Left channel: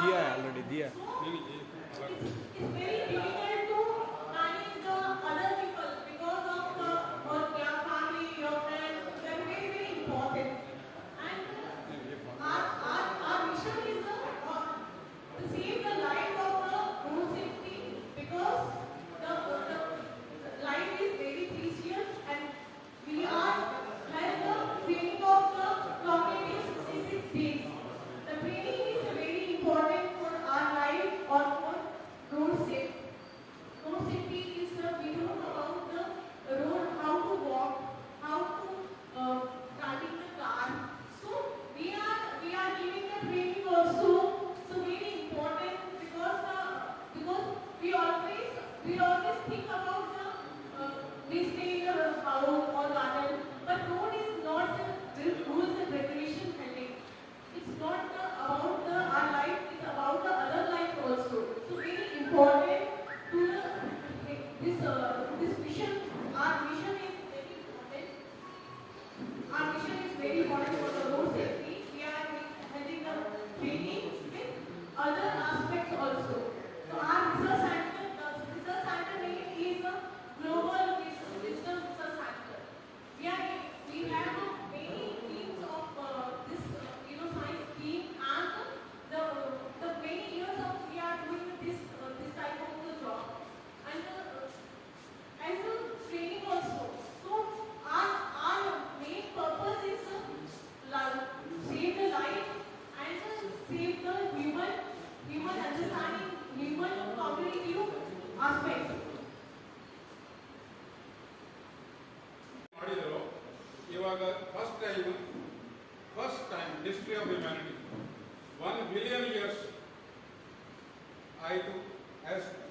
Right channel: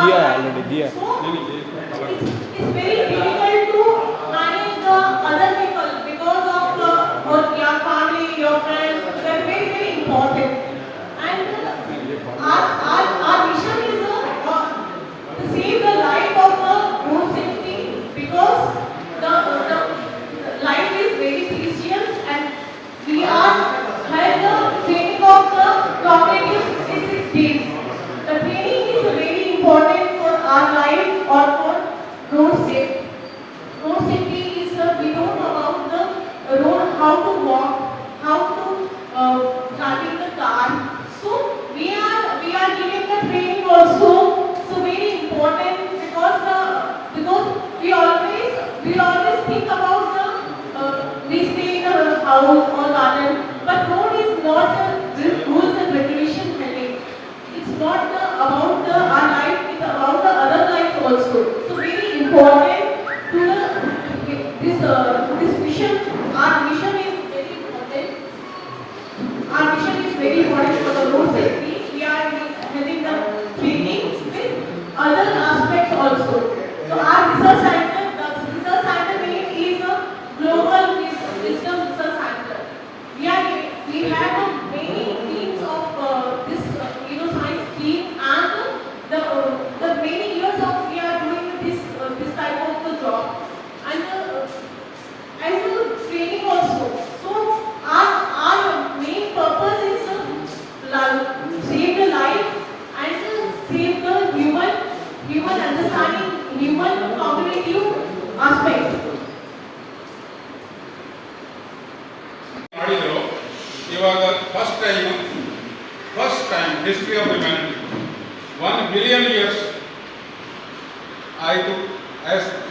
दिया ऑलरेडी दिया it's very difficult to manage the other people because of or your family, your friends. They are very very important. And our mission is to save the life of the road safety because the life is very precious and we are have the training of the cooperative 66 days. The training is very important for our life or for road safety. Road safety is we know about the road, how to walk, how to driving the car. So we are giving the training also. So very important because we always think about the we stay in a house or garden, but road is not the rules and regulation heading. It's not about our life, it's about the other life also. So very important to this mission. Our mission is very important. Our mission is very important for the road safety. We are having the training with other aspects also. So our research center, the research center name is a Global Wisdom Research Center. We have many teams of this science team and the many years of we are doing this type of the job and the training also. So our main purpose is save the life and save the human understanding, human cognitive aspects. ಮಾಡಿದ್ರು ಇವಾಗ first time history of humanity 1 billion years ಆಯಿತು.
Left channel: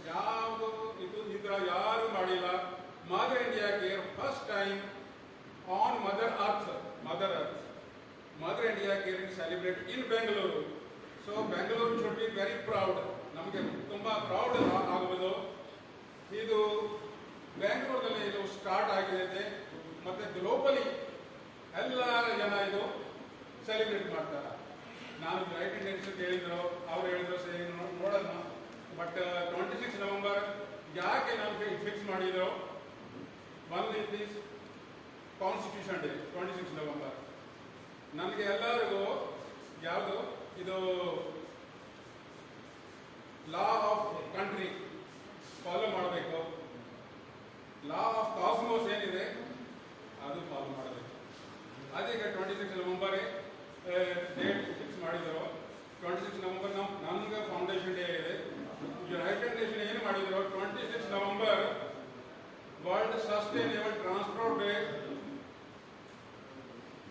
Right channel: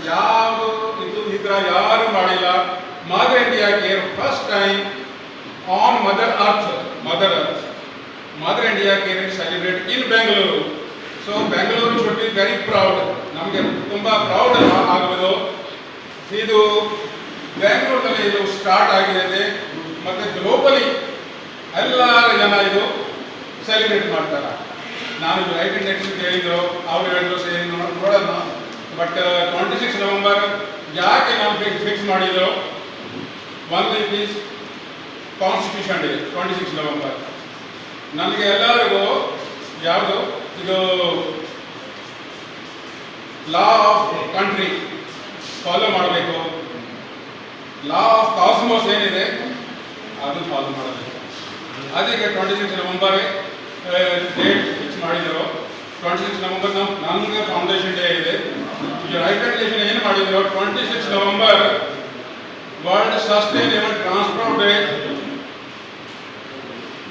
ಯಾವುದು ಇದು ಇದ್ರ ಯಾರು ಮಾಡಿಲ್ಲ. Mother India care first time on mother earth mother India care celebrate in Bengaluru. So Bengaluru should be very proud. ನಮಗೆ ತುಂಬ ಪ್ರೌಡ್ ಆಗಬಹುದು. ಇದು ಬೆಂಗಳೂರಿನಲ್ಲಿ ಇದು ಸ್ಟಾರ್ಟ್ ಆಗಿದೆ ಮತ್ತು ಗ್ಲೋಬಲಿ ಎಲ್ಲ ಜನ ಇದು ಸೆಲೆಬ್ರೇಟ್ ಮಾಡ್ತಾರೆ. ನಾನು ಯುನೈಟೆಡ್ ನೇಷನ್ಸ್ ಹೇಳಿದ್ರು, ಅವ್ರು ಹೇಳಿದ್ರು ಸೇರಿ ನೋಡೋಣ. ಬಟ್ 26 ನವೆಂಬರ್ ಯಾಕೆ ನಾವು ಫಿಕ್ಸ್ ಮಾಡಿದ್ರು? ಒಂದು ಈಸ್ ಕಾನ್ಸ್ಟಿಟ್ಯೂಷನ್ ಡೇ 26 ನವೆಂಬರ್. ನನಗೆ ಎಲ್ಲರಿಗೂ ಯಾವುದು ಇದು ಲಾ ಆಫ್ ಕಂಟ್ರಿ ಫಾಲೋ ಮಾಡಬೇಕು. ಲಾ ಆಫ್ ಕಾಸ್ಮೋಸ್ ಏನಿದೆ ಅದು ಫಾಲೋ ಮಾಡಬೇಕು. ಅದಕ್ಕೆ 26 ನವೆಂಬರ್ ಡೇಟ್ ಫಿಕ್ಸ್ ಮಾಡಿದರು. 26 ನವೆಂಬರ್ ನಮಗೆ ಫೌಂಡೇಶನ್ ಡೇ ಇದೆ. ಯುನೈಟೆಡ್ ನೇಷನ್ ಏನು ಮಾಡಿದ್ರು, 26 November world sustainable transport day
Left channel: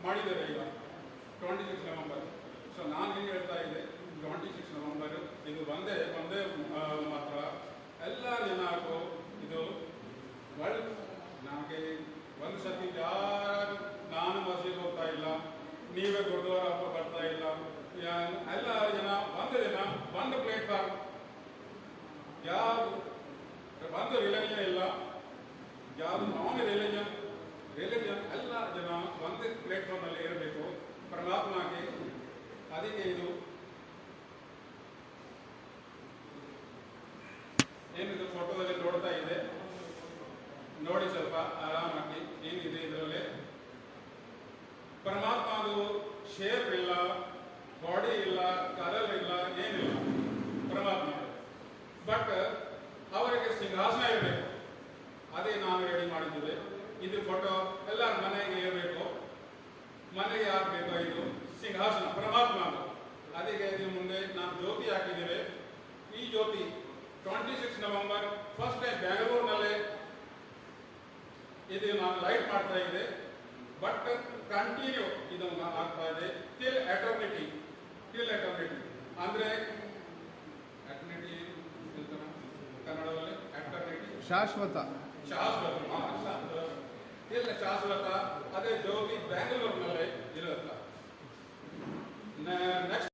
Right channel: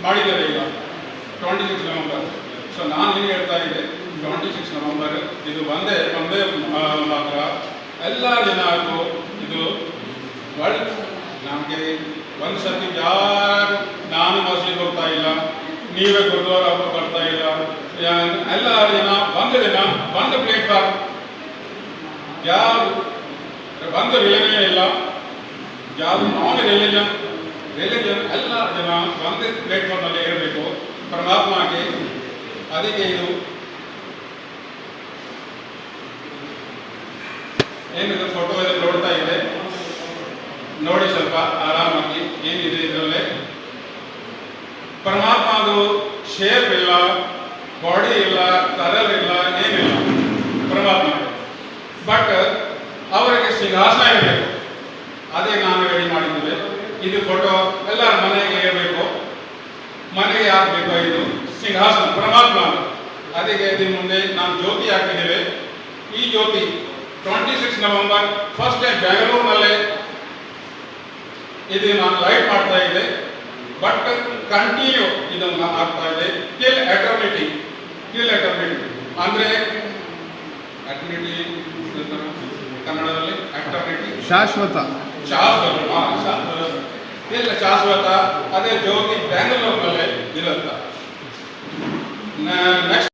ಮಾಡಿದ್ದಾರೆ ಈಗ 26 ನವೆಂಬರ್. ಸೊ ನಾನು ಏನು ಹೇಳ್ತಾ ಇದ್ದೆ, 26 ನವೆಂಬರ್ ಇದು ಒಂದೇ ಮಾತ್ರ ಎಲ್ಲ ಜನಕ್ಕೂ ಇದು ವರ್ಲ್ಡ್. ನಮಗೆ ಒಂದು ಸರ್ತಿ ಯಾರು ನಾನು ಮಸೀದಿಗೆ ಹೋಗ್ತಾ ಇಲ್ಲ, ನೀವೇ ಗುರುದ್ವಾರ ಬರ್ತಾ ಇಲ್ಲ, ಎಲ್ಲ ಜನ ಒಂದು ದಿನ ಒಂದು ಪ್ಲೇಟ್ಫಾರ್ಮ್, ಯಾರು ಒಂದು ರಿಲಿಜನ್ ಇಲ್ಲ, ಯಾವುದು ನಾನ್ ರಿಲಿಜನ್ ಎಲ್ಲ ಜನ ಒಂದೇ ಪ್ಲೇಟ್ಫಾರ್ಮ್ನಲ್ಲಿ ಇರಬೇಕು ಪರಮಾತ್ಮಗೆ. ಅದಕ್ಕೆ ಇದು ಏನಿದೆ ಫೋಟೋ ಎಲ್ಲ ನೋಡ್ತಾ ಇದೆ, ನೋಡಿ ಸ್ವಲ್ಪ ಆರಾಮಾಗಿ ಏನಿದೆ ಇದರಲ್ಲೇ. ಪರಮಾತ್ಮದು ಶೇಪ್ ಇಲ್ಲ, ಬಾಡಿ ಇಲ್ಲ, ಕಲರ್ ಇಲ್ಲ, ಏನಿಲ್ಲ ಪರಮಾತ್ಮ. ಬಟ್ ಅವರಿಗೆ ಸಿಂಹಾಸನ ಇರಬೇಕು. ಅದೇ ನಾನು ರೆಡಿ ಮಾಡಿದ್ದೇವೆ. ಇದು ಫೋಟೋ ಎಲ್ಲರ ಮನೆಗೆ ಇರಬೇಕು. ಮನೆಗೆ ಹಾಕಬೇಕು ಇದು ಸಿಂಹಾಸನ ಪರಮಾತ್ಮ. ಅದಕ್ಕೆ ಇದರ ಮುಂದೆ ನಾನು ಜ್ಯೋತಿ ಹಾಕಿದ್ದೇವೆ. ಈ ಜ್ಯೋತಿ 26 ನವೆಂಬರ್ ಫಸ್ಟ್ ಟೈಮ್ ಬೆಂಗಳೂರಿನಲ್ಲೇ ಇದು ನಾನು ಲೈಟ್ ಮಾಡ್ತಾ ಇದ್ದೆ. ಬಟ್ ಕಂಟಿನ್ಯೂ ಇದನ್ನು ಆಗ್ತಾ ಇದೆ ಟಿಲ್ ಎಟರ್ನಿಟಿ. ಅಂದರೆ ಎಟರ್ನಿಟಿ ಕನ್ನಡದಲ್ಲಿ ಎಟರ್ನಿಟಿ ಶಾಶ್ವತ. ಅದೇ ಜ್ಯೋತಿ ಬೆಂಗಳೂರಿನಲ್ಲೇ ಇರುತ್ತೆ.